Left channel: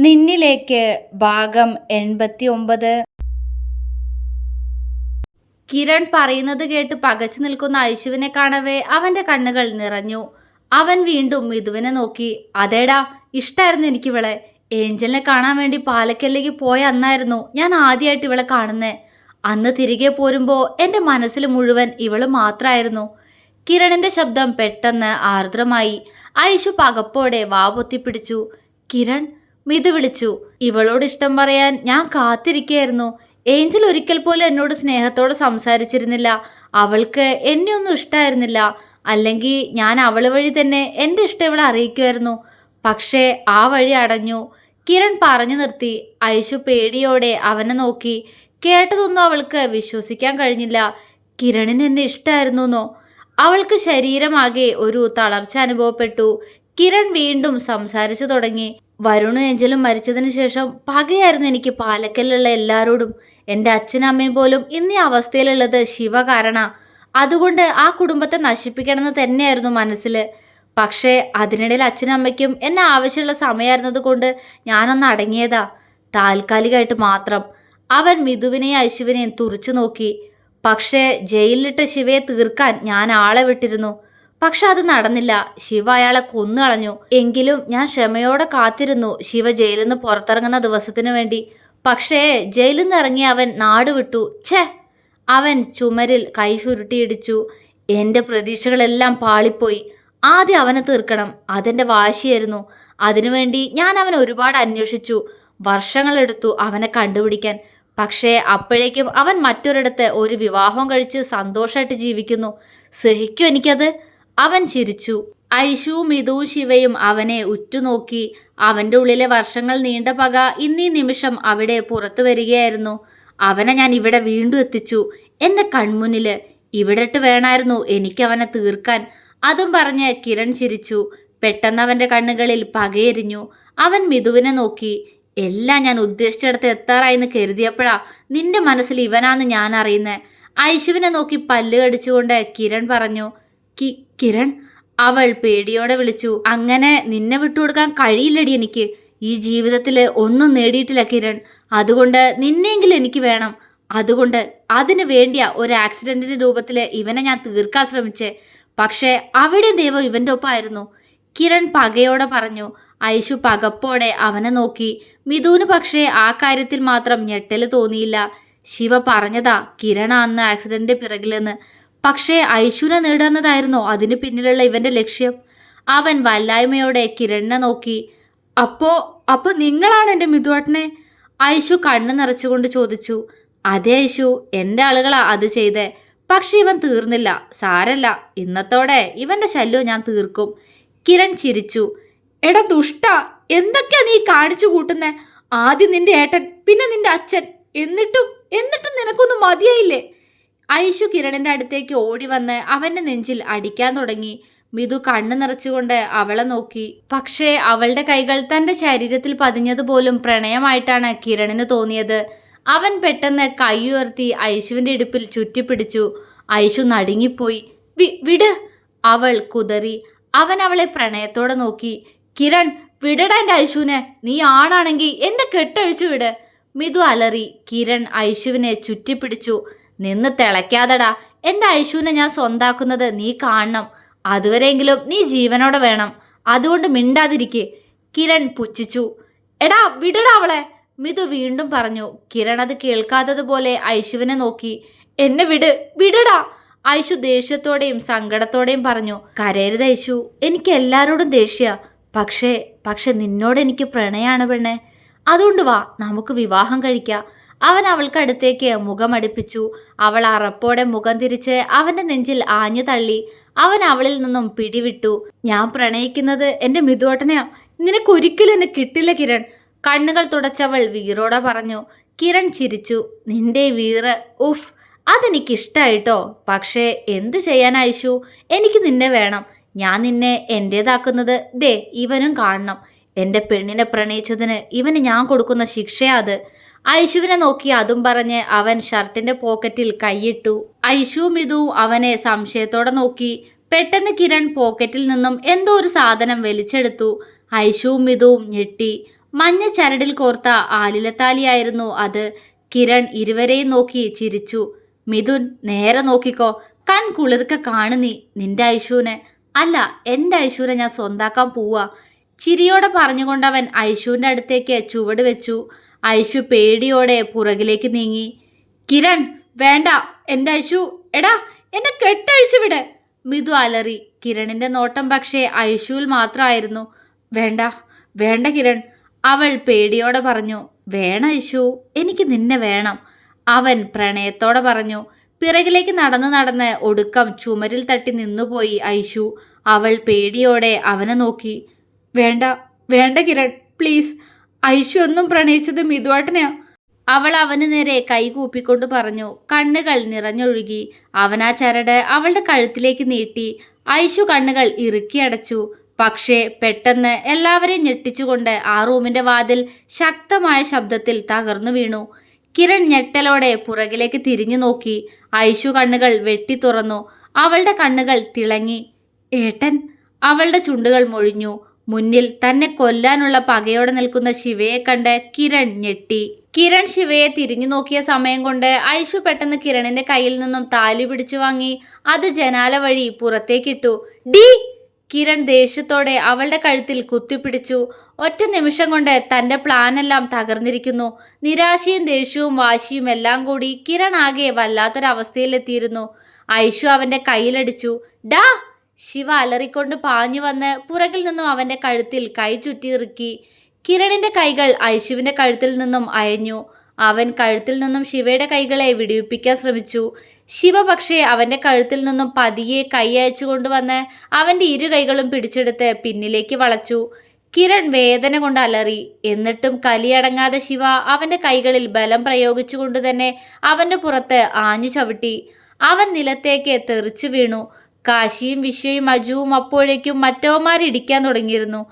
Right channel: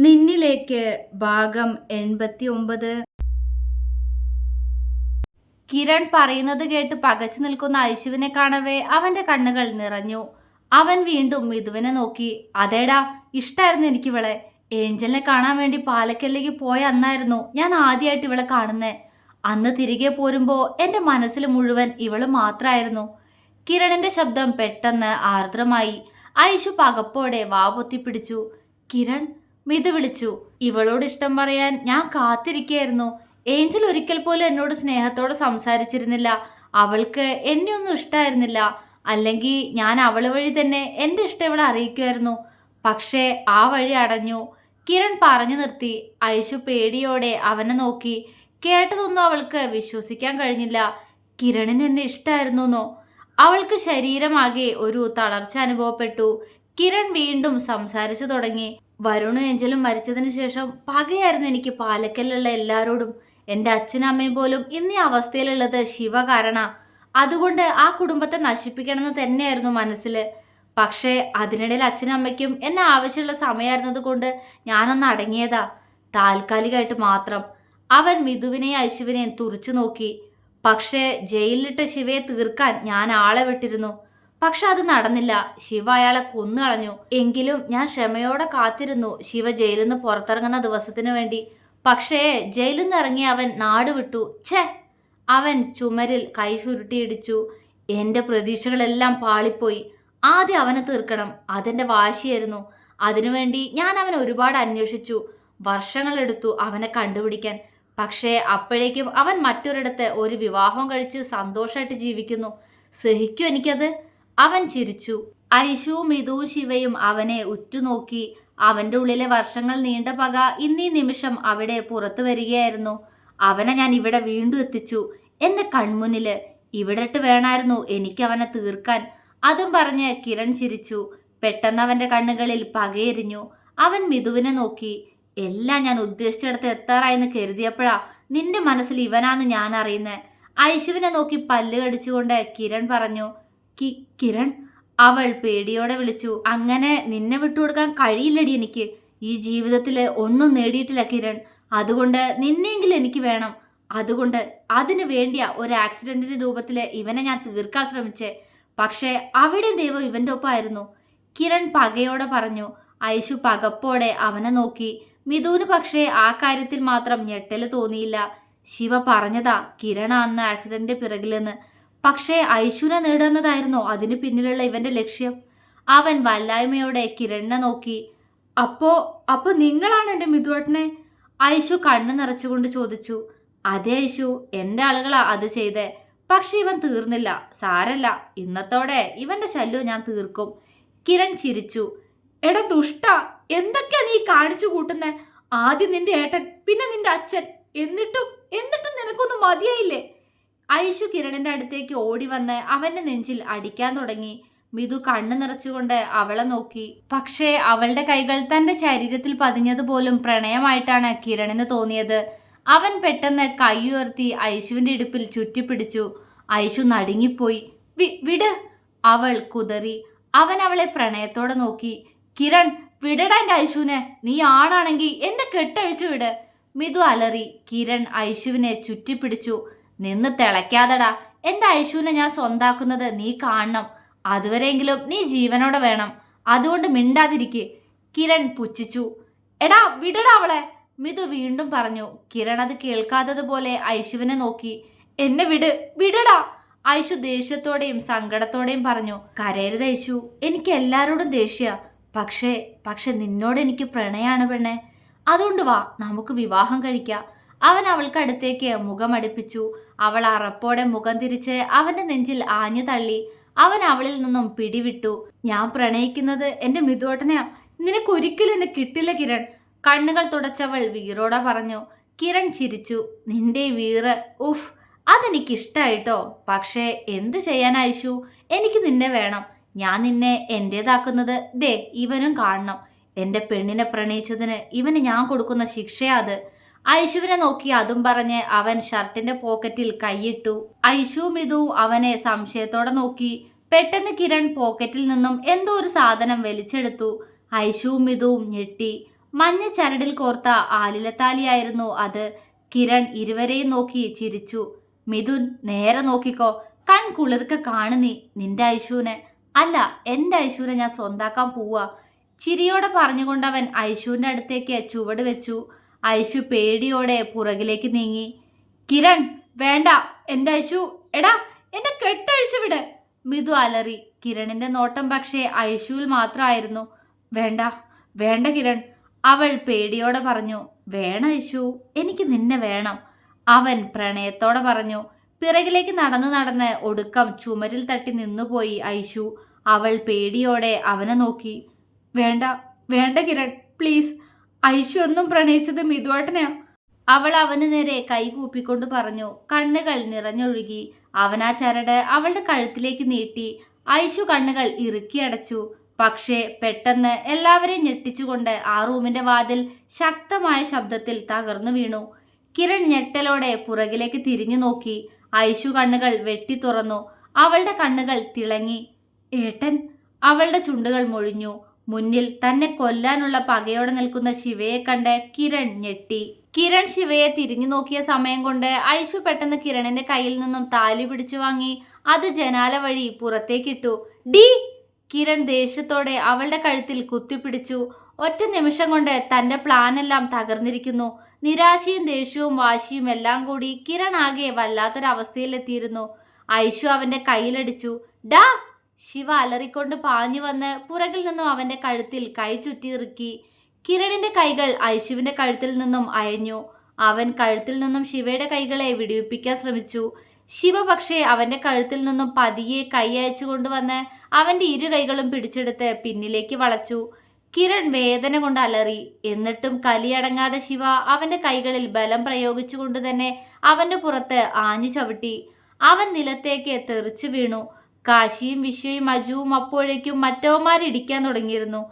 നിന്നിലേക്ക് ഭാഗം എൺപത്തി ഒമ്പത് കിരൺ പറയുന്നത് കേട്ട് പകച്ചു നിൽക്കുന്ന ഐശുവിനെ കാണവേ അവന്റെ കണ്ണുകൾ നിറഞ്ഞു. അവൻ വീണ്ടും മിഥുവിനെ നോക്കി. അതേടാ ഇഷ്ടായിരുന്നു എനിക്ക് ഇവളെ ഏഞ്ചലിനെ കാണാൻ വേണ്ടി പാലക്കല്ലേക്ക് പോയ അന്നായിരുന്നു ഞാൻ ആദ്യമായിട്ട് ഇവളെ കാണുന്നേ. അന്ന് തിരികെ പോരുമ്പോൾ എന്റെ മനസ്സിൽ മുഴുവൻ ഇവൾ മാത്രമായിരുന്നു കിരണിന്റെ ശബ്ദം പെട്ടെന്ന് ആർദ്രമായി. ഐശു പകപ്പോടെ വാ പൊത്തിപ്പിടിച്ചു. കിരൺ മിതു വിളിച്ചു. ഇവളോട് ഇഷ്ടം പറയാൻ ഞാൻ കാത്തിരിക്കുകയായിരുന്നു. ഏഞ്ചൽ ഒരിക്കൽ പോലും എന്നോട് സ്നേഹത്തോടെ സംസാരിച്ചിരുന്നില്ല. അവൾക്ക് എന്നെ ഒന്നും ഇഷ്ടമായിരുന്നില്ല അല്ലെങ്കിൽ ഞാൻ അവൾ വഴി തന്നെ എന്റെ ഇഷ്ടം ഇവളെ അറിയിക്കുമായിരുന്നു. പക്ഷേ ആ വഴി അടഞ്ഞു. കിരൺ പറഞ്ഞു നിർത്തി. ഐഷു പേടിയോടെ അവനെ നോക്കി. കേട്ടതൊന്നും അവൾക്ക് വിശ്വസിക്കാൻ കഴിഞ്ഞില്ല. കിരണിന് എന്നെ ഇഷ്ടമായിരുന്നോ അവൾക്ക് ശരീരമാകെ ഒരു തളർച്ച അനുഭവപ്പെട്ടു. കിരൺ വീണ്ടും സംസാരിച്ചു തുടങ്ങി. വരുണും ഏഞ്ചലും മരിച്ചതിന് ശേഷം പകയായിരുന്നു എനിക്ക് പാലക്കലുള്ള എല്ലാവരോടും എന്റെ അച്ഛനും അമ്മയും പോലും ഇന്ന് അവസ്ഥയിലുള്ളത് ശിവ കാരണ അതുകൊണ്ട് ആ കുടുംബത്തെ നശിപ്പിക്കണമെന്ന് തന്നെയായിരുന്നു മനസ്സിൽ പക്ഷേ അതിനിടയിൽ അച്ഛനും അമ്മയ്ക്കും എന്നെ ആവശ്യമുള്ള സമയമായിരുന്നത് കൊണ്ട് ഞാനൊന്ന് അടങ്ങിയതാ. താൽക്കാലികമായിട്ട് മാത്രം. അവൻ മിഥുവിനെയും ഐശുവിനെയും തുറച്ചു നോക്കി. പക്ഷേ ജയിലിലിട്ട ശിവയെ തീർക്കാൻ ഞാൻ ആളെ വിട്ടിരുന്നു. പക്ഷെ അത് നടന്നില്ല. ശിവ അയാളെ കൊന്നുകളഞ്ഞു എങ്കിലും ഞാൻ ക്ഷമയോടെ കാത്തിരുന്നു ശിവ ജയിലിൽ നിന്ന് പുറത്തിറങ്ങുന്ന ദിവസത്തിനു വേണ്ടി. പക്ഷേ ജയിലിൽ നിന്ന് ഇറങ്ങി അവൻ നാട് വിട്ടു. ഛേ! അവൻ ചുമരിൽ കൈ ചുരുട്ടിയിടിച്ചു. എന്റെ പ്രതീക്ഷകളെല്ലാം പാളിപ്പോയി. ആദ്യം അവനെ തീർക്കണം. അതെന്റെ വാശിയായിരുന്നു. അതിനുവേണ്ടി ഞാൻ അവനെ ഒരുപാട് അന്വേഷിച്ചു. വർഷങ്ങളെടുത്തു അവനെ കണ്ടുപിടിക്കാൻ. പക്ഷേ അപ്പോഴേക്കും അവൻ മറ്റൊരിടത്ത് ഒരു വിവാഹം കഴിച്ച് സന്തോഷമായിട്ട് ജീവിക്കുന്നു. സഹിക്കും എനിക്കത്? അവൻ ചിരിച്ചു. ഐഷുവും മിതുവും ശിവയും അവനെ ഉറ്റുനോക്കി. അവന്റെ ഉള്ളിലെ വർഷങ്ങൾ നീണ്ട പക ഇന്നീ നിമിഷം അവിടെ പുറത്തു വരികയായിരുന്നു. അവനെ ഞാൻ ഇവിടെ വീണ്ടും എത്തിച്ചു. എന്റെ കൺമുന്നിൽ ഇവിടെട്ട് വേണമായിരുന്നു എനിക്ക് അവനെ തീർക്കാൻ. അതും പറഞ്ഞ് കിരൺ ചിരിച്ചു. പെട്ടെന്ന് അവന്റെ കണ്ണുകളിൽ പകയെരിഞ്ഞു. അവൻ മിഥുവിനെ നോക്കി. എല്ലാം ഞാൻ ഉദ്ദേശിച്ചിടത്ത് എത്താറായെന്ന് കരുതിയപ്പോഴാ നിന്റെ മനസ്സിൽ ഇവനാന്ന് ഞാൻ അറിയുന്നത് ഐശുവിനെ നോക്കി പല്ല് കടിച്ചുകൊണ്ട് കിരൺ പറഞ്ഞു കി കിരൺ. അവൾ പേടിയോടെ വിളിച്ചു അങ്ങനെ നിന്നെ വിട്ടുകൊടുക്കാൻ കഴിയില്ലടി എനിക്ക്. ഈ ജീവിതത്തിൽ ഒന്നും നേടിയിട്ടില്ല കിരൺ. അതുകൊണ്ട് നിന്നെങ്കിലും എനിക്ക് വേണം. അതുകൊണ്ട് അതിനു വേണ്ടിയാ ഒരു ആക്സിഡന്റിന്റെ രൂപത്തിൽ ഇവനെ ഞാൻ തീർക്കാൻ ശ്രമിച്ചേ. പക്ഷേ അവിടെ ദൈവം ഇവന്റെ ഒപ്പമായിരുന്നു. കിരൺ പകയോടെ പറഞ്ഞു ഐഷു പകപ്പോടെ അവനെ നോക്കി. മിഥുന് പക്ഷേ ആ കാര്യത്തിൽ മാത്രം ഞെട്ടൽ തോന്നിയില്ല. ശിവ പറഞ്ഞതാ കിരണ അന്ന് ആക്സിഡന്റ് പിറകിലെന്ന്. പക്ഷേ ഐശുനെ നേടുന്നതായിരുന്നോ അതിന് പിന്നിലുള്ള ഇവന്റെ ലക്ഷ്യം? അവൻ വല്ലായ്മയോടെ കിരണ്ണ നോക്കി. അപ്പോ അപ്പോ നിങ്ങളാണ് എന്റെ മിഥുവേട്ടനെ ഐശു കണ്ണു നിറച്ചുകൊണ്ട് ചോദിച്ചു. അതെ ഐശു എന്റെ ആളുകളാ അത് ചെയ്തേ. പക്ഷെ ഇവൻ തീർന്നില്ല. സാരല്ല. ഇന്നത്തോടെ ഇവന്റെ ശല്യം ഞാൻ തീർക്കും. കിരൺ ചിരിച്ചു. എടാ ദുഷ്ട എന്തൊക്കെയാ നീ കാണിച്ചു കൂട്ടുന്നേ? ആദ്യം നിന്റെ ഏട്ടൻ പിന്നെ നിന്റെ അച്ഛൻ. എന്നിട്ടും എന്നിട്ടും നിനക്കൊന്നും മതിയായില്ലേ? ഐഷു കിരണിന്റെ അടുത്തേക്ക് ഓടി വന്ന് അവന്റെ നെഞ്ചിൽ അടിക്കാൻ തുടങ്ങി. മിതു കണ്ണു നിറച്ചുകൊണ്ട് അവളെ നോക്കി. പക്ഷേ അവളുടെ കൈകൾ തന്റെ ശരീരത്തിൽ പതിഞ്ഞതുപോലും പ്രണയമായിട്ടാണ് കിരണിന് തോന്നിയത്. അവൻ പെട്ടെന്ന് കൈയുയർത്തി ഐശുവിന്റെ ഇടുപ്പിൽ ചുറ്റിപ്പിടിച്ചു. ഐശു നടുങ്ങിപ്പോയി. വിട്! അവൾ കുതറി. അവൻ അവളെ പ്രണയത്തോടെ നോക്കി. കിരൺ വിടടാ എന്റെ ഐശുവിനെ നീ ആണാണെങ്കിൽ എന്റെ കെട്ടഴിച്ചു വിട്. മിതു അലറി. കിരൺ ഐശുവിനെ ചുറ്റിപ്പിടിച്ചു. നിന്ന് തിളയ്ക്കാതെടാ. എന്റെ ഐശുവിനെ ഞാൻ സ്വന്താക്കുന്നത് നീ കാണണം. അതുവരെയെങ്കിലും നീ ജീവനോടെ വേണം. അതുകൊണ്ട് മിണ്ടാതിരിക്കെ. കിരൺ പുച്ഛിച്ചു. എടാ വിടടാ അവളെ. മിതു വീണ്ടും പറഞ്ഞു. കിരൺ അത് കേൾക്കാത്തതുപോലെ ഐശുവിനെ നോക്കി. എന്നെ വിട് വിടടാ. ഐശു ദേഷ്യത്തോടെയും സങ്കടത്തോടെയും പറഞ്ഞു. കരയരുത് ഐശു. എനിക്ക് എല്ലാവരോടും ദേഷ്യ. പക്ഷേ പക്ഷെ നിന്നോട് എനിക്ക് പ്രണയാണ് പെണ്ണെ. അതുകൊണ്ട് വാ നമുക്ക് വിവാഹം കഴിക്കാം. അവൻ അവൾക്ക് അടുത്തേക്ക് മുഖമടുപ്പിച്ചു അവൾ അറപ്പോടെ മുഖം തിരിച്ച് അവന്റെ നെഞ്ചിൽ ആഞ്ഞു തള്ളി. അവൻ അവളിൽ നിന്നും പിടിവിട്ടു. ഞാൻ പ്രണയിക്കുന്നത് എന്റെ മിതുവട്ടനെയാ. നിനക്കൊരിക്കലും എന്നെ കിട്ടില്ല കിരൺ. കണ്ണുകൾ തുടച്ചവൾ വീറോടെ പറഞ്ഞു. കിരൺ ചിരിച്ചു. നിന്റെ വീറ് ഉഫ് അതെനിക്കിഷ്ടായിട്ടോ? പക്ഷേ എന്ത് ചെയ്യാൻ ഐശു എനിക്ക് നിന്നെ വേണം. ഞാൻ നിന്നെ എന്റേതാക്കുന്നത് ദേ ഇവനും കാണണം. എന്റെ പെണ്ണിനെ പ്രണയിച്ചതിന് ഇവന് ഞാൻ കൊടുക്കുന്ന ശിക്ഷയാ അത്. ഐശുവിനെ നോക്കി അതും പറഞ്ഞ് അവൻ ഷർട്ടിന്റെ പോക്കറ്റിൽ കൈയിട്ടു. ഐഷുവും ഇതും അവനെ സംശയത്തോടെ നോക്കി. പെട്ടെന്ന് കിരൺ പോക്കറ്റിൽ നിന്നും എന്തോ ഒരു സാധനം വലിച്ചെടുത്തു. ഐഷുവും ഇതും ഞെട്ടി. മഞ്ഞ ചരടിൽ കോർത്ത ആലിലത്താലിയായിരുന്നു അത്. കിരൺ ഇരുവരെയും നോക്കി ചിരിച്ചു. മിഥുൻ നേരെ നോക്കിക്കോ. കൺ കുളിർക്ക കാണു നീ നിന്റെ ഐശുവിനെ. അല്ല എന്റെ ഐശുവിനെ ഞാൻ സ്വന്താക്കാൻ പോവാ. ചിരിയോടെ പറഞ്ഞുകൊണ്ടവൻ ഐശുവിന്റെ അടുത്തേക്ക് ചുവട് വെച്ചു. ഐശു പേടിയോടെ പുറകിലേക്ക് നീങ്ങി. കിരൺ വേണ്ട. എന്റെ ഐശു എടാ എന്നെ കെട്ടഴിച്ചു വിട്. മിതു അലറി. കിരണിന്റെ നോട്ടം പക്ഷേ ഐശുവിൽ മാത്രമായിരുന്നു. വേണ്ട വേണ്ട കിരൺ അവൾ പേടിയോടെ പറഞ്ഞു. വേണ ഐശു എനിക്ക് നിന്നെ വേണം. അവൻ പ്രണയത്തോടെ പറഞ്ഞു. പിറകിലേക്ക് നടന്നു നടന്ന് ഒടുക്കം ചുമരിൽ തട്ടി നിന്നുപോയി ഐശു അവൾ പേടിയോടെ അവനെ നോക്കി. വേണ്ട വേണ്ട കിരൺ പ്ലീസ്. ഐശു ഒന്നും പ്രണയിച്ചത് മിതുവാട്ടനെയാ. അവൾ അവന് നേരെ കൈകൂപ്പിക്കൊണ്ട് പറഞ്ഞു കണ്ണുകൾ നിറഞ്ഞൊഴുകി. അവൻ ആ ചരട് അവളുടെ കഴുത്തിലേക്ക് നീട്ടി. ഐശു കണ്ണുകൾ ഇറുക്കി അടച്ചു. പക്ഷേ പെട്ടെന്ന് എല്ലാവരെയും ഞെട്ടിച്ചുകൊണ്ട് ആ റൂമിന്റെ വാതിൽ ശക്തമായ ശബ്ദത്തിൽ തകർന്നു വീണു. കിരൺ ഞെട്ടലോടെ പുറകിലേക്ക് തിരിഞ്ഞു നോക്കി. ഐശു കണ്ണുകൾ വെട്ടി തുറന്നു. അവളുടെ കണ്ണുകൾ തിളങ്ങി. ഏട്ടൻ? അവളുടെ ചുണ്ടുകൾ മൊഴിഞ്ഞു. മുന്നിൽ തന്നെ കൊല്ലാനുള്ള പകയോടെ നിൽക്കുന്ന ശിവയെ കണ്ട് കിരൺ ഞെട്ടി. കിരൺ ശിവയെ തിരിഞ്ഞു നോക്കിയ സമയം കൊണ്ട് ഐഷു പെട്ടെന്ന് കിരണിന്റെ കയ്യിൽ നിന്നും താലി പിടിച്ചു വാങ്ങി അത് ജനാല വഴി പുറത്തേക്കിട്ടു. ഡി! കിരൺ ദേഷ്യത്തോടെ അവളുടെ കഴുത്തിൽ കുത്തിപ്പിടിച്ചു. ഒറ്റ നിമിഷം കൊണ്ട് തന്റെ പ്ലാനെല്ലാം തകർന്നിരിക്കുന്നു. നിരാശയും ദേഷ്യവും വാശിയും എല്ലാം കൂടി കിരൺ ആകെ വല്ലാത്തൊരവസ്ഥയിലെത്തിയിരുന്നു. ഐഷു അവന്റെ കയ്യിലടിച്ചു. ഡാ! ശിവ അലറിക്കൊണ്ട് പാഞ്ഞു വന്ന് പുറകിൽ നിന്നും അവന്റെ കഴുത്തിൽ കൈ ചുറ്റിയിറുക്കി. കിരണിന്റെ കൈകൾ ഐശുവിന്റെ കഴുത്തിൽ നിന്നും അയഞ്ഞു. അവൻ കഴുത്തിൽ നിന്നും ശിവയുടെ കൈകളെ വിടിവിപ്പിക്കാൻ ശ്രമിച്ചു. ശിവ പക്ഷേ അവന്റെ കഴുത്തിൽ നിന്നും പതിയെ കൈ അയച്ചു കൊണ്ടുവന്ന് അവന്റെ ഇരു കൈകളും പിടിച്ചെടുത്ത് പിന്നിലേക്ക് വളച്ചു. കിരൺ വേദന കൊണ്ട് അലറി. എന്നിട്ടും കലിയടങ്ങാതെ ശിവ അവന്റെ കൈകളിൽ ബലം പ്രയോഗിച്ചുകൊണ്ട് തന്നെ അവന്റെ പുറത്ത് ആഞ്ഞു ചവിട്ടി. അവൻ നിലത്തേക്ക് തെറിച്ചു വീണു. കാശിയും വിശ്വയും അജുവും അപ്പോഴേക്കും മറ്റവന്മാരിടിക്കാൻ തുടങ്ങിയിരുന്നു.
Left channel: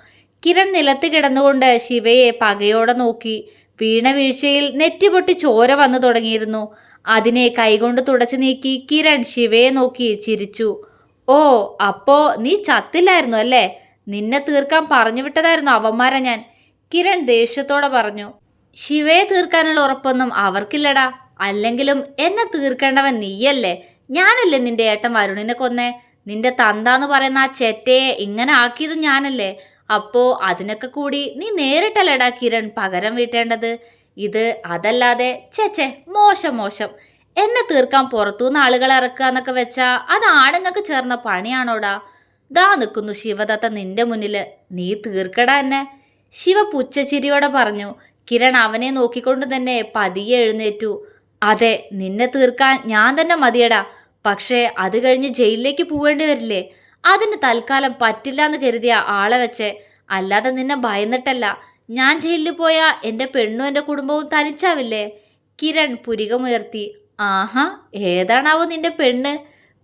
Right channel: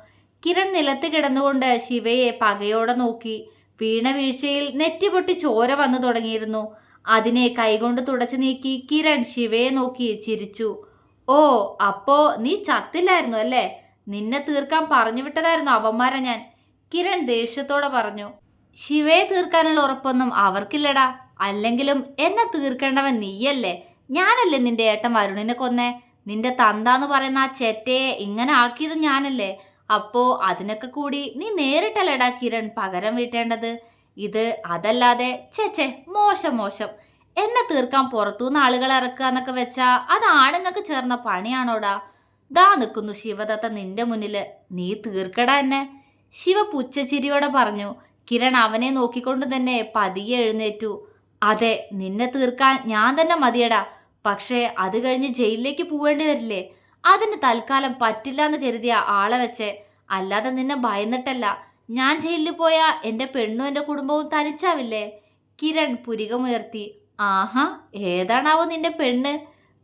കിരൺ നിലത്ത് കിടന്നുകൊണ്ട് ശിവയെ പകയോടെ നോക്കി. വീണ വീഴ്ചയിൽ നെറ്റിപൊട്ടി ചോര വന്നു തുടങ്ങിയിരുന്നു. അതിനെ കൈകൊണ്ട് തുടച്ചു നീക്കി കിരൺ ശിവയെ നോക്കി ചിരിച്ചു. ഓ അപ്പോ നീ ചത്തില്ലായിരുന്നു അല്ലേ? നിന്നെ തീർക്കാൻ പറഞ്ഞു വിട്ടതായിരുന്നു അവന്മാരെ ഞാൻ കിരൺ ദേഷ്യത്തോടെ പറഞ്ഞു. ശിവയെ തീർക്കാനുള്ള ഉറപ്പൊന്നും അവർക്കില്ലടാ. അല്ലെങ്കിലും എന്നെ തീർക്കേണ്ടവൻ നീയല്ലേ? ഞാനല്ലേ നിന്റെ ഏട്ടൻ വരുണിനെ കൊന്നേ? നിന്റെ തന്താന്ന് പറയുന്ന ആ ചെറ്റയെ ഇങ്ങനെ ആക്കിയത് ഞാനല്ലേ? അപ്പോ അതിനൊക്കെ കൂടി നീ നേരിട്ടല്ലടാ കിരൺ പകരം വീട്ടേണ്ടത്? ഇത് അതല്ലാതെ ചേച്ചേ മോശം മോശം. എന്നെ തീർക്കാൻ പുറത്തുനിന്ന് ആളുകളെ ഇറക്കുക എന്നൊക്കെ വെച്ചാ അത് ആണുങ്ങൾക്ക് ചേർന്ന പണിയാണോടാ? ദാ നിൽക്കുന്നു ശിവദത്ത നിന്റെ മുന്നിൽ നീ തീർക്കടാ എന്നെ. ശിവ പുച്ഛച്ചിരിയോടെ പറഞ്ഞു കിരൺ അവനെ നോക്കിക്കൊണ്ട് തന്നെ പതിയെ എഴുന്നേറ്റു. അതെ നിന്നെ തീർക്കാൻ ഞാൻ തന്നെ മതിയടാ. പക്ഷേ അത് കഴിഞ്ഞ് ജയിലിലേക്ക് പോവേണ്ടി വരില്ലേ? അതിന് തൽക്കാലം പറ്റില്ല എന്ന് കരുതിയ ആളെ വെച്ച് അല്ലാതെ നിന്നെ ഭയന്നിട്ടല്ല. ഞാൻ ജയിലിൽ പോയാൽ എന്റെ പെണ്ണും എന്റെ കുടുംബവും തനിച്ചാവില്ലേ? കിരൺ പുരികമുയർത്തി. ആഹാ ഏതാണാവോ നിന്റെ പെണ്ണ്?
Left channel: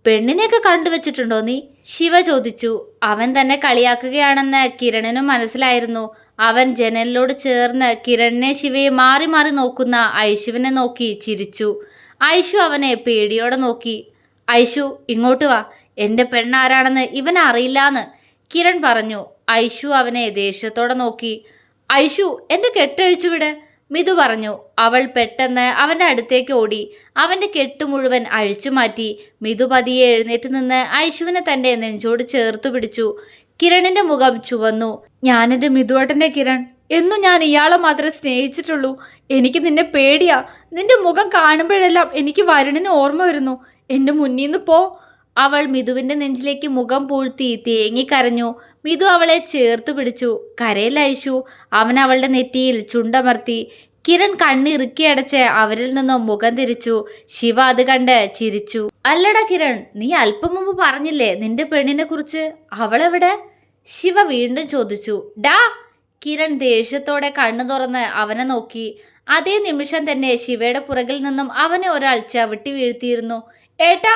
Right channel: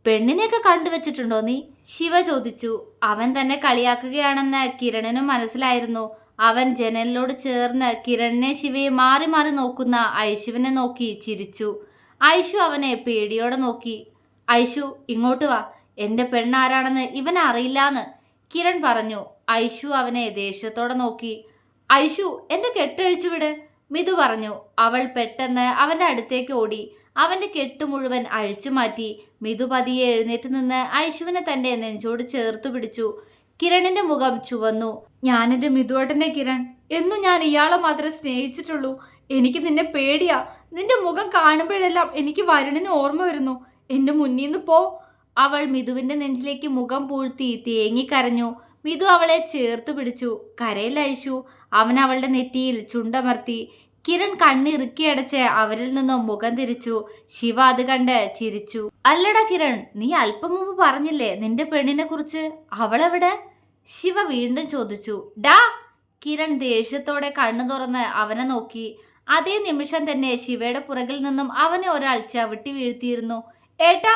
പെണ്ണിനെയൊക്കെ കണ്ടുവച്ചിട്ടുണ്ടോ നീ? ശിവ ചോദിച്ചു. അവൻ തന്നെ കളിയാക്കുകയാണെന്ന് കിരണിനും മനസ്സിലായിരുന്നു. അവൻ ജനലിനോട് ചേർന്ന് കിരണിനെ ശിവയെ മാറി മാറി നോക്കുന്ന ഐശുവിനെ നോക്കി ചിരിച്ചു. ഐശു അവനെ പേടിയോടെ നോക്കി. ഐഷു ഇങ്ങോട്ട് വാ. എന്റെ പെണ്ണാരാണെന്ന് ഇവൻ അറിയില്ലാന്ന്. കിരൺ പറഞ്ഞു. ഐഷു അവനെ ദേഷ്യത്തോടെ നോക്കി. ഐഷു എന്റെ കെട്ടഴിച്ചു വിട് മിതു പറഞ്ഞു. അവൾ പെട്ടെന്ന് അവന്റെ അടുത്തേക്ക് ഓടി. അവന്റെ കെട്ട് മുഴുവൻ അഴിച്ചു മാറ്റി. മിതു പതിയെ എഴുന്നേറ്റ് നിന്ന് ഐഷുവിനെ തന്റെ നെഞ്ചോട് ചേർത്തു പിടിച്ചു. കിരണിന്റെ മുഖം ചുവന്നു. ഞാനെന്റെ മിതുവേട്ടന്റെ കിരൺ. എന്നും ഞാൻ ഇയാളെ മാത്രമേ സ്നേഹിച്ചിട്ടുള്ളൂ. എനിക്ക് നിന്നെ പേടിയാ. നിന്റെ മുഖം കാണുമ്പോഴെല്ലാം എനിക്ക് വരുണിന് ഓർമ്മ വരുന്നു. എന്റെ മുന്നിൽ നിന്ന് പോ. അവൾ മിതുവിന്റെ നെഞ്ചിലേക്ക് മുഖം പൂഴ്ത്തി തേങ്ങിക്കരഞ്ഞു മിതു അവളെ ചേർത്തു പിടിച്ചു. കരയിൽ അയച്ചു അവൻ അവളുടെ നെറ്റിയിൽ ചുണ്ടമർത്തി. കിരൺ കണ്ണിറുക്കി അടച്ച് അവരിൽ നിന്നും മുഖം തിരിച്ചു. ശിവ അത് കണ്ട് ചിരിച്ചു. അല്ലടാ കിരൺ നീ അല്പം മുമ്പ് പറഞ്ഞില്ലേ നിന്റെ പെണ്ണിനെ കുറിച്ച്? അവളെവിടെ? ശിവ വീണ്ടും ചോദിച്ചു. ഡാ കിരൺ ദേഷ്യത്തോടെ കണ്ണു തുറന്ന് അവനെ നോക്കി. അതേ നിമിഷം തന്നെ ശിവയുടെ പുറകിൽ നിന്നും അവനെ ഒരാൾ ചവിട്ടി വീഴ്ത്തിയിരുന്നു. ഏട്ടാ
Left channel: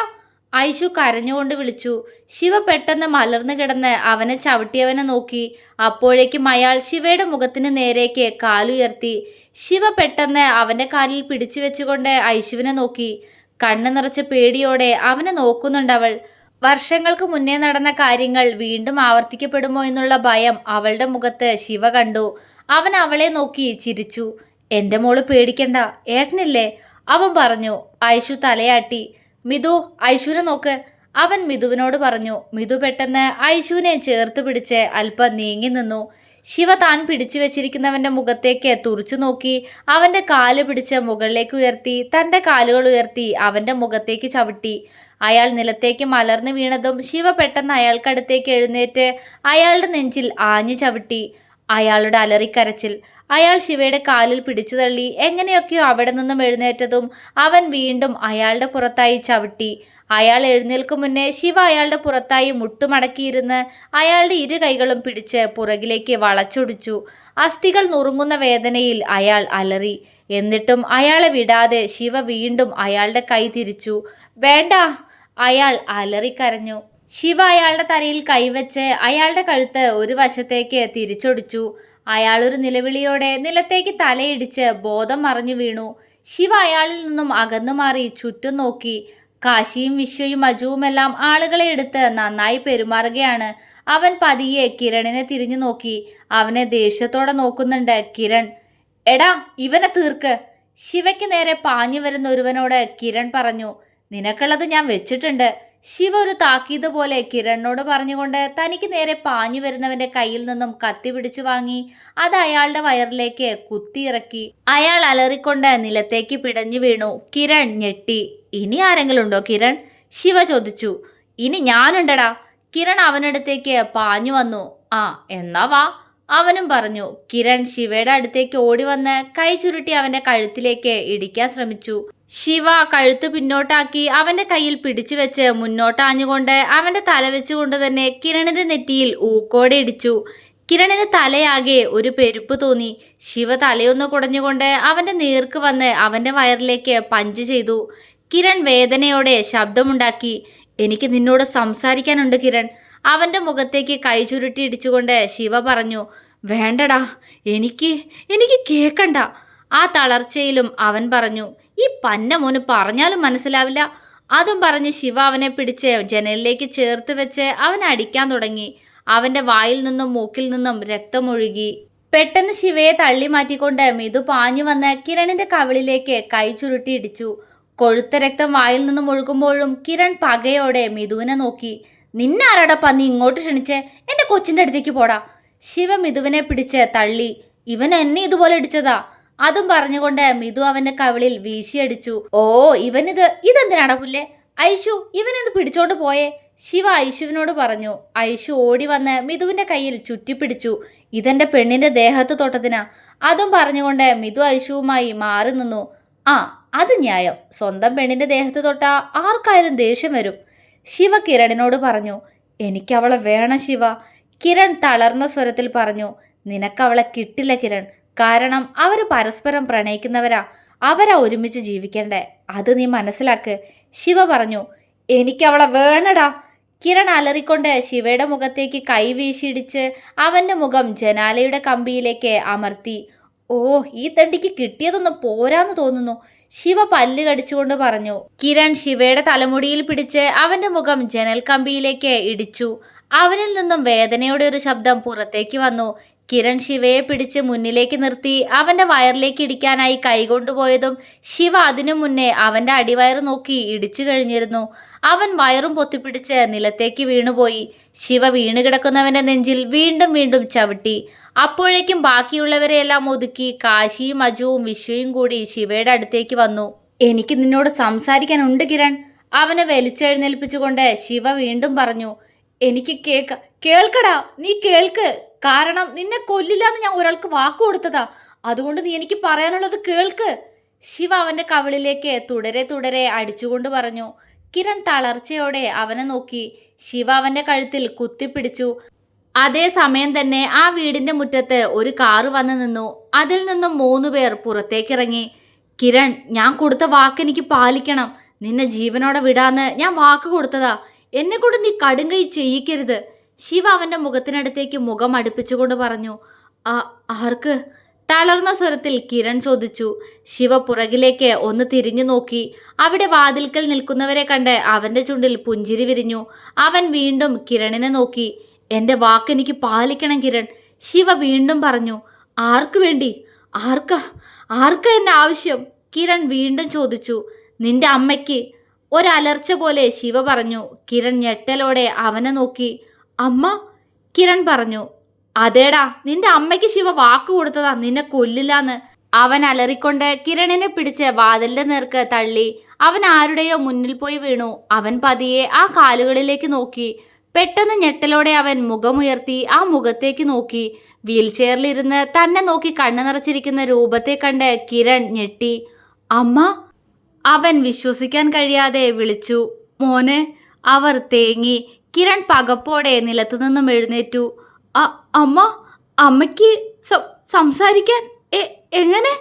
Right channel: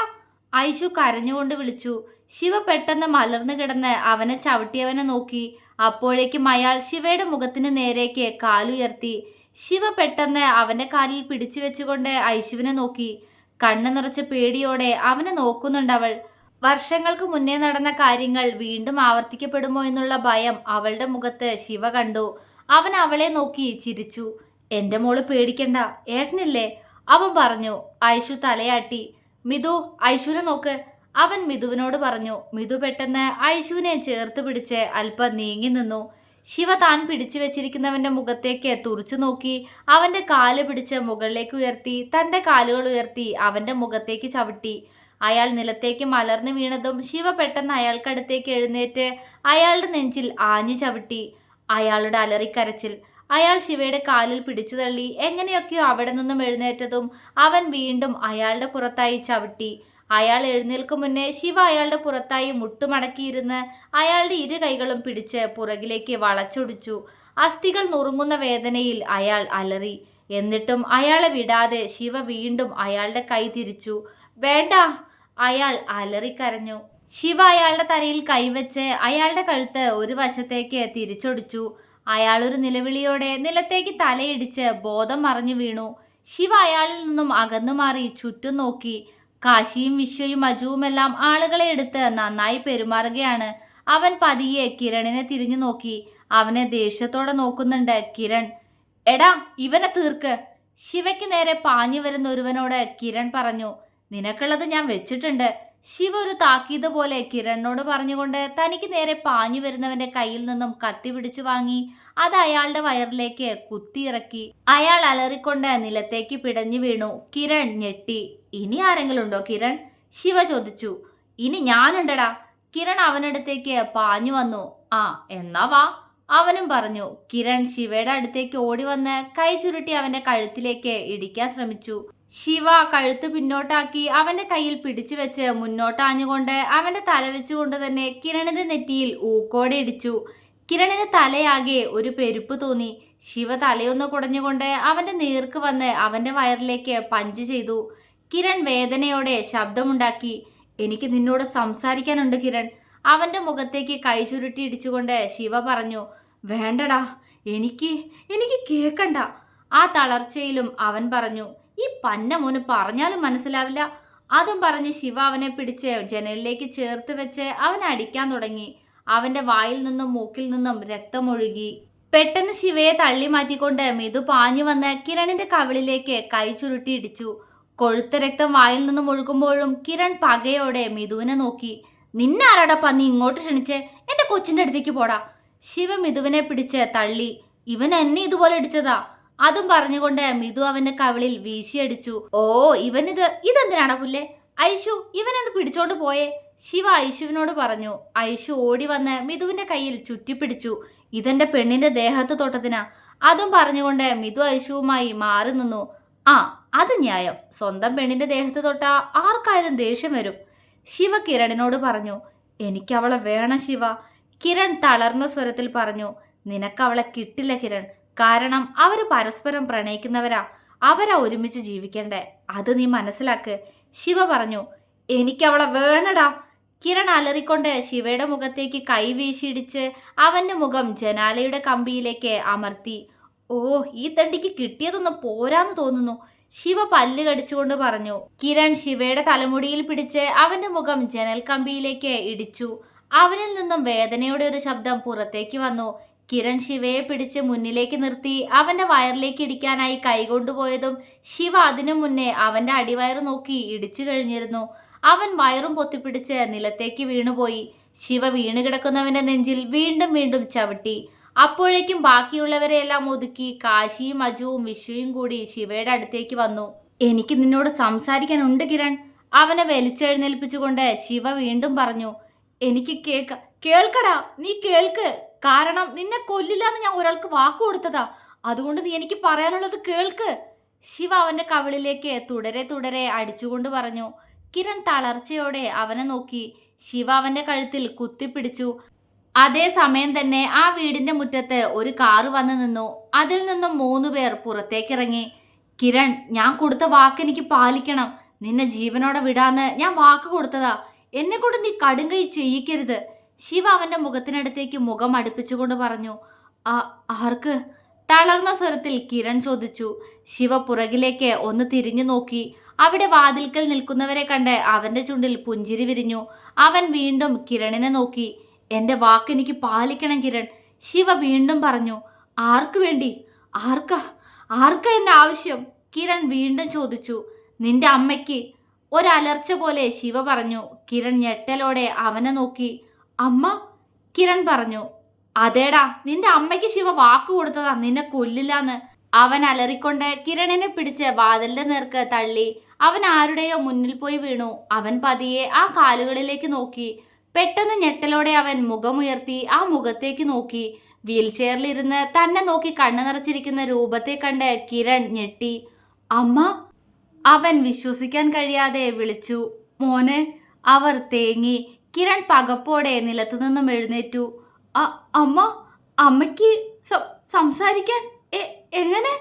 ഐഷു കരഞ്ഞുകൊണ്ട് വിളിച്ചു. ശിവ പെട്ടെന്ന് മലർന്നു കിടന്ന് അവനെ ചവിട്ടിയവനെ നോക്കി. അപ്പോഴേക്കും അയാൾ ശിവയുടെ മുഖത്തിന് നേരേക്ക് കാലുയർത്തി. ശിവ പെട്ടെന്ന് അവന്റെ കാലിൽ പിടിച്ചു വെച്ചുകൊണ്ട് ഐശുവിനെ നോക്കി. കണ്ണു നിറച്ച പേടിയോടെ അവനെ നോക്കുന്നുണ്ടവൾ. വർഷങ്ങൾക്ക് മുന്നേ നടന്ന കാര്യങ്ങൾ വീണ്ടും ആവർത്തിക്കപ്പെടുമോ എന്നുള്ള ഭയം അവളുടെ മുഖത്ത് ശിവ കണ്ടു. അവൻ അവളെ നോക്കി ചിരിച്ചു. എന്റെ മോൾ പേടിക്കണ്ട ഏട്ടനില്ലേ? അവൻ പറഞ്ഞു. ഐഷു തലയാട്ടി. മിതു ഐശ്വര്യ നോക്ക്. അവൻ മിതുവിനോട് പറഞ്ഞു മിതു പെട്ടെന്ന് ഐശുവിനെ ചേർത്ത് പിടിച്ച് അല്പം നീങ്ങി നിന്നു. ശിവ താൻ പിടിച്ചു വെച്ചിരിക്കുന്നവന്റെ മുഖത്തേക്ക് തുറച്ചു നോക്കി. അവന്റെ കാൽ പിടിച്ച് മുകളിലേക്ക് ഉയർത്തി തന്റെ കാലുകൾ ഉയർത്തി അവന്റെ മുഖത്തേക്ക് ചവിട്ടി. അയാൾ നിലത്തേക്ക് മലർന്നു വീണതും ശിവ പെട്ടെന്ന് അയാൾക്കടുത്തേക്ക് എഴുന്നേറ്റ് അയാളുടെ നെഞ്ചിൽ ആഞ്ഞു ചവിട്ടി. അയാളുടെ അലറിക്കരച്ചിൽ അയാൾ ശിവയുടെ കാലിൽ പിടിച്ചു തള്ളി. എങ്ങനെയൊക്കെയോ അവിടെ നിന്നും എഴുന്നേറ്റതും അവൻ വീണ്ടും അയാളുടെ പുറത്തായി ചവിട്ടി. അയാൾ എഴുന്നേൽക്കും മുന്നേ ശിവ അയാളുടെ പുറത്തായി മുട്ടുമടക്കിയിരുന്ന് അയാളുടെ ഇരു കൈകളും പിടിച്ച് പുറകിലേക്ക് വളച്ചൊടിച്ചു. അസ്ഥികൾ നുറുങ്ങുന്ന വേദനയിൽ അയാൾ അലറി. എന്നിട്ടും അയാളെ വിടാതെ ശിവ വീണ്ടും അയാളുടെ കൈ തിരിച്ചു. വേണ്ട അയാൾ അലറിക്കരഞ്ഞു. ശിവ അയാളുടെ തലയിൽ കൈവച്ച് അയാളുടെ കഴുത്ത് ഒരു വശത്തേക്ക് തിരിച്ചൊടിച്ചു. അയാൾ ഒരു നിലവിളിയോടെ നിലത്തേക്ക് തലയിടിച്ച് ബോധം മറിഞ്ഞു വീണു. ശിവ അയാളിൽ നിന്നും അകന്നു മാറി ചുറ്റും നോക്കി. കാശിയും വിശ്വയും അജുവുമെല്ലാം ആളുകളെ എടുത്ത് നന്നായി പെരുമാറുകയാണ്. അവൻ പതിയെ കിരണിനെ തിരിഞ്ഞു നോക്കി. അവനെ ദേഷ്യത്തോടെ നോക്കുന്നുണ്ട് കിരൺ. എടാ ഇവനെ തീർക്ക്. ശിവയ്ക്ക് നേരെ പാഞ്ഞു വരുന്ന ഒരുവനോട് കിരൺ പറഞ്ഞു നിനക്കുള്ളത് ഞാൻ വെച്ചിട്ടുണ്ട്. ശിവ ഒരു താക്കീത് പോലെ കിരണിനോട് പറഞ്ഞുകൊണ്ട് തനിക്ക് നേരെ പാഞ്ഞു വരുന്നവന്റെ കയ്യിൽ നിന്നും കത്തി പിടിച്ചു വാങ്ങി അത് അയാളുടെ വയറിലേക്ക് കുത്തിയിറക്കി. അയാൾ അലറിക്കൊണ്ട് നിലത്തേക്ക് പിടഞ്ഞു വീണു. കിരൺ ഞെട്ടി. ഇനി ആരെങ്കിലും ഉണ്ടോ കിരൺ? ശിവ ചോദിച്ചു. ഇനി ഞാനുണ്ടടാ. കിരൺ അവനടുത്തേക്ക് പാഞ്ഞു വന്നു. ആ എന്നാ വാ. അവനും പറഞ്ഞു കിരൺ ശിവയുടെ അടുത്തേക്ക് ഓടി വന്ന് കൈ ചുരുട്ടി അവന്റെ കഴുത്തിലേക്ക് ഇടിക്കാൻ ശ്രമിച്ചു. ശിവ കഴുത്ത് പിന്നോട്ടാക്കി അവന്റെ കയ്യിൽ പിടിച്ചു വെച്ച് മുന്നോട്ടാഞ്ഞുകൊണ്ട് അവന്റെ തല വെച്ചുകൊണ്ട് തന്നെ കിരണിന്റെ നെറ്റിയിൽ ഊക്കോടെ ഇടിച്ചു. കിരണിന് തലയാകെ ഒരു പെരുപ്പ് തോന്നി. ശിവ തലയൊന്ന് കുടഞ്ഞുകൊണ്ട് അവന്റെ നേർക്ക് വന്ന് അവന്റെ വയറിലേക്ക് പഞ്ച് ചെയ്തു. കിരൺ വേദനയോടെ ശബ്ദമുണ്ടാക്കി എനിക്ക് നിന്നോട് സംസാരിക്കാനുണ്ട് കിരൺ. അവന്റെ മുഖത്തേക്ക് കൈ ചുരുട്ടി ഇടിച്ചുകൊണ്ട് ശിവ പറഞ്ഞു വേണ്ടടാ എനിക്ക് എനിക്ക് കേൾക്കണ്ട ആ തളർച്ചയിലും അവൻ പറഞ്ഞു ഈ പന്ന മോന് പറഞ്ഞാലും മനസ്സിലാവില്ല. അതും പറഞ്ഞ് ശിവ അവനെ പിടിച്ച് ജനലിലേക്ക് ചേർത്ത് വെച്ച് അവൻ അടിക്കാൻ തുടങ്ങി. അവന്റെ വായിൽ നിന്നും മൂക്കിൽ നിന്നും രക്തമൊഴുകി. പെട്ടെന്ന് ശിവയെ തള്ളി മാറ്റിക്കൊണ്ട് മിതു പാഞ്ഞു വന്ന് കിരണിന്റെ കവിളിലേക്ക് കൈ ചുരുട്ടി ഇടിച്ചു. കൊഴുത്ത രക്തം വായിൽ നിന്നും ഒഴുകുമ്പോഴും കിരൺ പകയോടെ മിതുവിനെ നോക്കി. നിന്നാരാടാ പന്നി ഇങ്ങോട്ട് ക്ഷണിച്ചേ? എന്റെ കൊച്ചിന്റെ അടുത്തേക്ക് പോടാ. ശിവ മിഥുവിനെ പിടിച്ച് തള്ളി. ഇവൻ എന്നെ ഇതുപോലെ അടിച്ചതാ അതും പറഞ്ഞുകൊണ്ട് മിതു അവന്റെ കവിളിൽ വീശിയടിച്ചു. ഓ ഇവനിത് ഇതെന്തിനാടാ പുല്ലേ? ഐഷു ഇവനെന്ത് പിടിച്ചോണ്ട് പോയേ? ശിവ ഐശുവിനോട് പറഞ്ഞു. ഐഷു ഓടി വന്ന് മിഥുവിന്റെ കയ്യിൽ ചുറ്റിപ്പിടിച്ചു. ഇതെന്റെ പെണ്ണിന്റെ ദേഹത്ത് തൊട്ടതിനാ അതും പറഞ്ഞുകൊണ്ട് മിതു ഐശുവുമായി മാറി നിന്നു. ആ അത് ന്യായം. സ്വന്തം പെണ്ണിന്റെ ദേഹത്ത് തൊട്ട ആർക്കായാലും ദേഷ്യം വരും. ശിവ കിരണിനോട് പറഞ്ഞു എനിക്കവളെ വേണം ശിവ. കിരൺ തളർന്ന സ്വരത്തിൽ പറഞ്ഞു നിനക്കവളെ കിട്ടില്ല കിരൺ. കാരണം അവർ പരസ്പരം പ്രണയിക്കുന്നവരാ. അവരാ ഒരുമിച്ച് ജീവിക്കണ്ടേ. അത് നീ മനസ്സിലാക്ക്. ശിവ പറഞ്ഞു എനിക്കവളെ വേണടാ. കിരൺ അലറിക്കൊണ്ട് ശിവയുടെ മുഖത്തേക്ക് കൈ വീശിയിടിച്ച് അവന്റെ മുഖം ജനാലയുടെ കമ്പിയിലേക്ക് അമർത്തി. ഓ ഈ തണ്ടിക്ക് കിട്ടിയതൊന്നും പോരാന്ന് തോന്നുന്നു. ശിവ പല്ല് കടിച്ചുകൊണ്ട് പറഞ്ഞു കിരൺ ശിവയുടെ തലമുടിയിൽ പിടിച്ച് അവന്റെ മുഖം ജനൽ കമ്പിയിലേക്ക് ഇടിച്ചു. അവനിൽ നിന്നും വേദനയുടെ ഒരു ശബ്ദം പുറത്തേക്ക് വന്നു. കിരൺ ശിവയെ പിടിച്ച് മുന്നിലേക്ക് നിർത്തി അവന്റെ വയറിലേക്ക് ഇടിക്കാനായി കൈകൊണ്ടുപോയതും ശിവ അതിനു മുന്നേ അവന്റെ അടിവയറ് നോക്കി ഇടിച്ചു കഴിഞ്ഞിരുന്നു. അവൻ വയറും പൊത്തിപ്പിടിച്ച് നിലത്തേക്ക് വീണുപോയി. ശിവ വീണ് കിടക്കുന്നവന്റെ നെഞ്ചിൽ വീണ്ടും വീണ്ടും ചവിട്ടി. അപ്പോഴേക്കും ബാക്കിയുള്ളവരെ എല്ലാം ഒതുക്കി കാശിയും അജുവും വിഷുവും കൂടി ശിവയുടെ അടുത്തേക്ക് വന്നു. എനിക്ക് നിന്നോട് സംസാരിക്കാനുണ്ട് കിരൺ അവനെ വലിച്ചെഴുന്നേൽപ്പിച്ചുകൊണ്ട് ശിവ വീണ്ടും പറഞ്ഞു. എനിക്ക് കേക്ക കേൾക്കടാ നീ കേൾക്ക്. കാരണം നിന്നെ കൊല്ലില്ലാന്ന് ഞാൻ ഒരാൾക്ക് വാക്കു കൊടുത്തതാ. അതുകൊണ്ട് നീ എനിക്ക് പറയാനുള്ളത് കേൾക്ക്. ശിവ അവന്റെ കവിളിലേക്ക് തുടരെ തുടരെ അടിച്ചുകൊണ്ട് പറഞ്ഞു. കിരൺ തളർച്ചയോടെ അവനെ നോക്കി. ശിവ അവന്റെ കഴുത്തിൽ കുത്തിപ്പിടിച്ചു. അതേ സമയം തന്നെ ആ വീടിന്റെ മുറ്റത്ത് ഒരു കാറ് വന്നു നിന്നു. അതിൽ നിന്നും മൂന്ന് പേർ പുറത്തേക്കിറങ്ങി. കിരൺ ഞാൻ കൊടുത്ത വാക്ക് എനിക്ക് പാലിക്കണം. നിന്നെ ജീവനോടെ വിടാന്ന് ഞാൻ വാക്ക് കൊടുത്തതാ. എന്നെ കൊണ്ട് നീ കടുങ്കൈ ചെയ്യിക്കരുത്. ശിവ അവന്റെ മുഖത്തിനടുത്തേക്ക് മുഖം അടുപ്പിച്ചുകൊണ്ട് പറഞ്ഞു. ആ ആർക്ക്? തളർന്ന സ്വരത്തിൽ കിരൺ ചോദിച്ചു. ശിവ പുറകിലേക്ക് ഒന്ന് തിരിഞ്ഞു നോക്കി. അവിടെ വാതിൽക്കൽ നിൽക്കുന്നവരെ കണ്ട് അവന്റെ ചുണ്ടിൽ പുഞ്ചിരി വിരിഞ്ഞു. അവൻ വീണ്ടും കിരണിനെ നോക്കി. എന്റെ വാക്കെനിക്ക് പാലിക്കണം കിരൺ. ശിവ വീണ്ടും പറഞ്ഞു ആർക്കു വേണ്ടി? ആർക്കാ? ആർക്കാ എന്റെ ആവശ്യം? കിരൺ വീണ്ടും ചോദിച്ചു നിന്റെ അമ്മയ്ക്ക്. ഒരലർച്ച പോലെ ശിവ പറഞ്ഞു കിരൺ ഞെട്ടലോടെ അവനെ നോക്കി. അമ്മ? കിരൺ പറഞ്ഞു അതേടാ നിന്റെ അമ്മയ്ക്ക് ശിവ വാക്ക് കൊടുത്തതാ നിന്നെ കൊല്ലില്ലാന്ന്. അവൻ അലറിക്കൊണ്ട് കിരണിനെ പിടിച്ച് വാതിലിന്റെ നേർക്ക് തള്ളി അവൻ ആരുടെയോ മുന്നിൽ പോയി വീണു. അവൻ പതിയെ ആ കാലുകളിലേക്ക് നോക്കി പെട്ടെന്ന് ഞെട്ടലോടെ അവൻ മുഖമുയർത്തി ആ മുഖത്തേക്ക് നോക്കി. വീൽ ചെയറിലിരുന്ന് തന്നെ നോക്കി കണ്ണു നിറച്ചിരിക്കുന്ന രൂപത്തെ കണ്ട് കിരൺ ഞെട്ടി. അമ്മ! അവൻ വിശ്വസിക്കാൻ കഴിയാതെ വിളിച്ചു. മോനെ! അവർ തേങ്ങി. കിരൺ പകപ്പോടെ നിലത്തുനിന്നും എഴുന്നേറ്റു. "അ- അമ്മ! അമ്മയ്ക്ക് സംസാരിക്കാൻ എങ്ങനെ?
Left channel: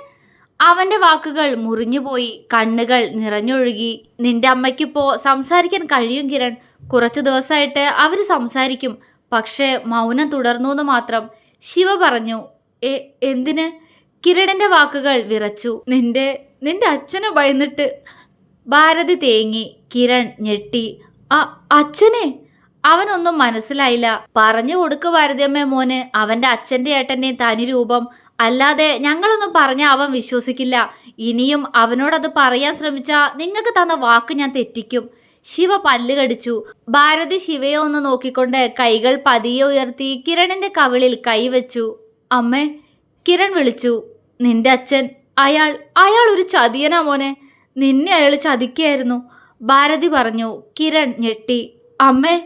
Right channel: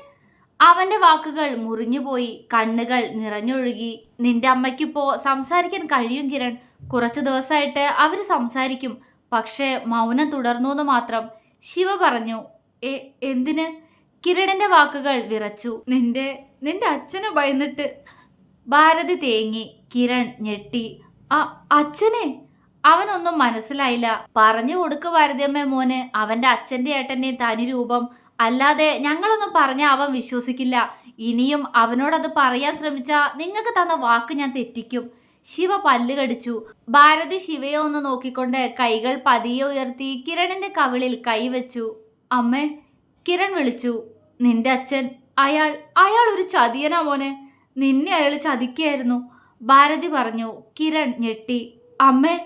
അവന്റെ വാക്കുകൾ മുറിഞ്ഞുപോയി. കണ്ണുകൾ നിറഞ്ഞൊഴുകി. നിന്റെ അമ്മയ്ക്കിപ്പോ സംസാരിക്കാൻ കഴിയും കിരൺ. കുറച്ചു ദിവസമായിട്ട് അവർ സംസാരിക്കും. പക്ഷേ മൗനം തുടർന്നു എന്ന് മാത്രം ശിവ പറഞ്ഞു എ എന്തിന്? കിരണിന്റെ വാക്കുകൾ വിറച്ചു. നിന്റെ നിന്റെ അച്ഛനെ ഭയന്നിട്ട്. ഭാരതി തേങ്ങി കിരൺ ഞെട്ടി "അ- അച്ഛനെ? അവനൊന്നും മനസ്സിലായില്ല. പറഞ്ഞു കൊടുക്ക് ഭാരതിയമ്മ മോന് അവന്റെ അച്ഛന്റെ ഏട്ടന്റെ തനി രൂപം. അല്ലാതെ ഞങ്ങളൊന്നും പറഞ്ഞ അവൻ വിശ്വസിക്കില്ല. ഇനിയും അവനോടത് പറയാൻ ശ്രമിച്ചാ നിങ്ങൾക്ക് തന്ന വാക്ക് ഞാൻ തെറ്റിക്കും. ശിവ പല്ല് കടിച്ചു. ഭാരതി ശിവയെ ഒന്ന് നോക്കിക്കൊണ്ട് കൈകൾ പതിയെ ഉയർത്തി കിരണിന്റെ കവിളിൽ കൈവച്ചു അമ്മേ കിരൺ വിളിച്ചു. നിന്റെ അച്ഛൻ. അയാൾ അയാൾ ഒരു ചതിയനാ മോനെ. നിന്നെ അയാൾ ചതിക്കായിരുന്നു. ഭാരതി പറഞ്ഞു. കിരൺ ഞെട്ടി. അമ്മേ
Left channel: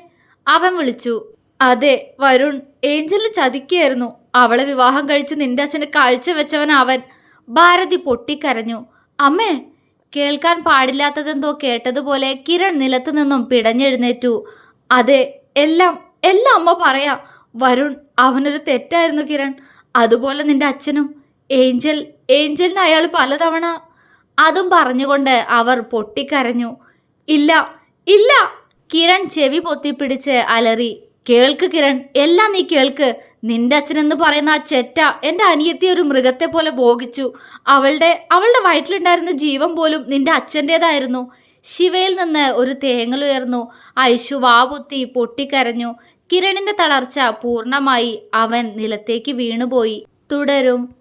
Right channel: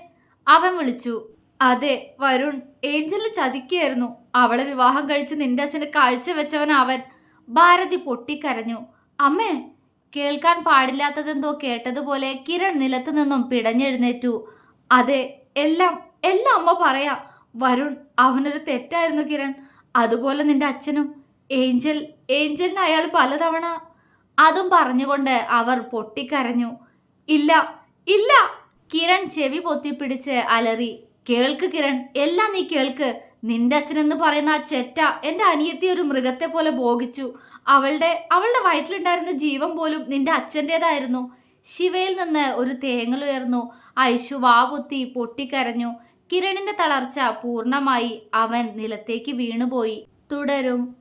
അവൻ വിളിച്ചു. അതെ വരുൺ. ഏഞ്ചലിന് ചതിക്കായിരുന്നു. അവളെ വിവാഹം കഴിച്ച് നിന്റെ അച്ഛന് കാഴ്ച വെച്ചവൻ അവൻ. ഭാരതി പൊട്ടിക്കരഞ്ഞു. അമ്മേ കേൾക്കാൻ പാടില്ലാത്തതെന്തോ കേട്ടതുപോലെ കിരൺ നിലത്തു നിന്നും പിടഞ്ഞെഴുന്നേറ്റു. അതെ എല്ലാം എല്ലാം അമ്മ പറയാ. വരുൺ അവനൊരു തെറ്റായിരുന്നു കിരൺ. അതുപോലെ നിന്റെ അച്ഛനും. ഏഞ്ചൽ ഏഞ്ചലിന് അയാൾ പലതവണ അതും പറഞ്ഞുകൊണ്ട് അവർ പൊട്ടിക്കരഞ്ഞു. ഇല്ല ഇല്ല! കിരൺ ചെവി പൊത്തിപ്പിടിച്ച് അലറി. കേൾക്ക് കിരൺ എല്ലാം നീ കേൾക്ക്. നിന്റെ അച്ഛനെന്ന് പറയുന്ന ആ ചെറ്റ എന്റെ അനിയത്തി ഒരു മൃഗത്തെ പോലെ ഭോഗിച്ചു. അവളുടെ അവളുടെ വയറ്റിലുണ്ടായിരുന്ന ജീവൻ പോലും നിന്റെ അച്ഛന്റെതായിരുന്നു. ശിവയിൽ നിന്ന് ഒരു തേങ്ങലുയർന്നു ഐശു വാവുത്തി പൊട്ടിക്കരഞ്ഞു. കിരണിന്റെ തളർച്ച പൂർണമായി അവൻ നിലത്തേക്ക് വീണുപോയി. തുടരും.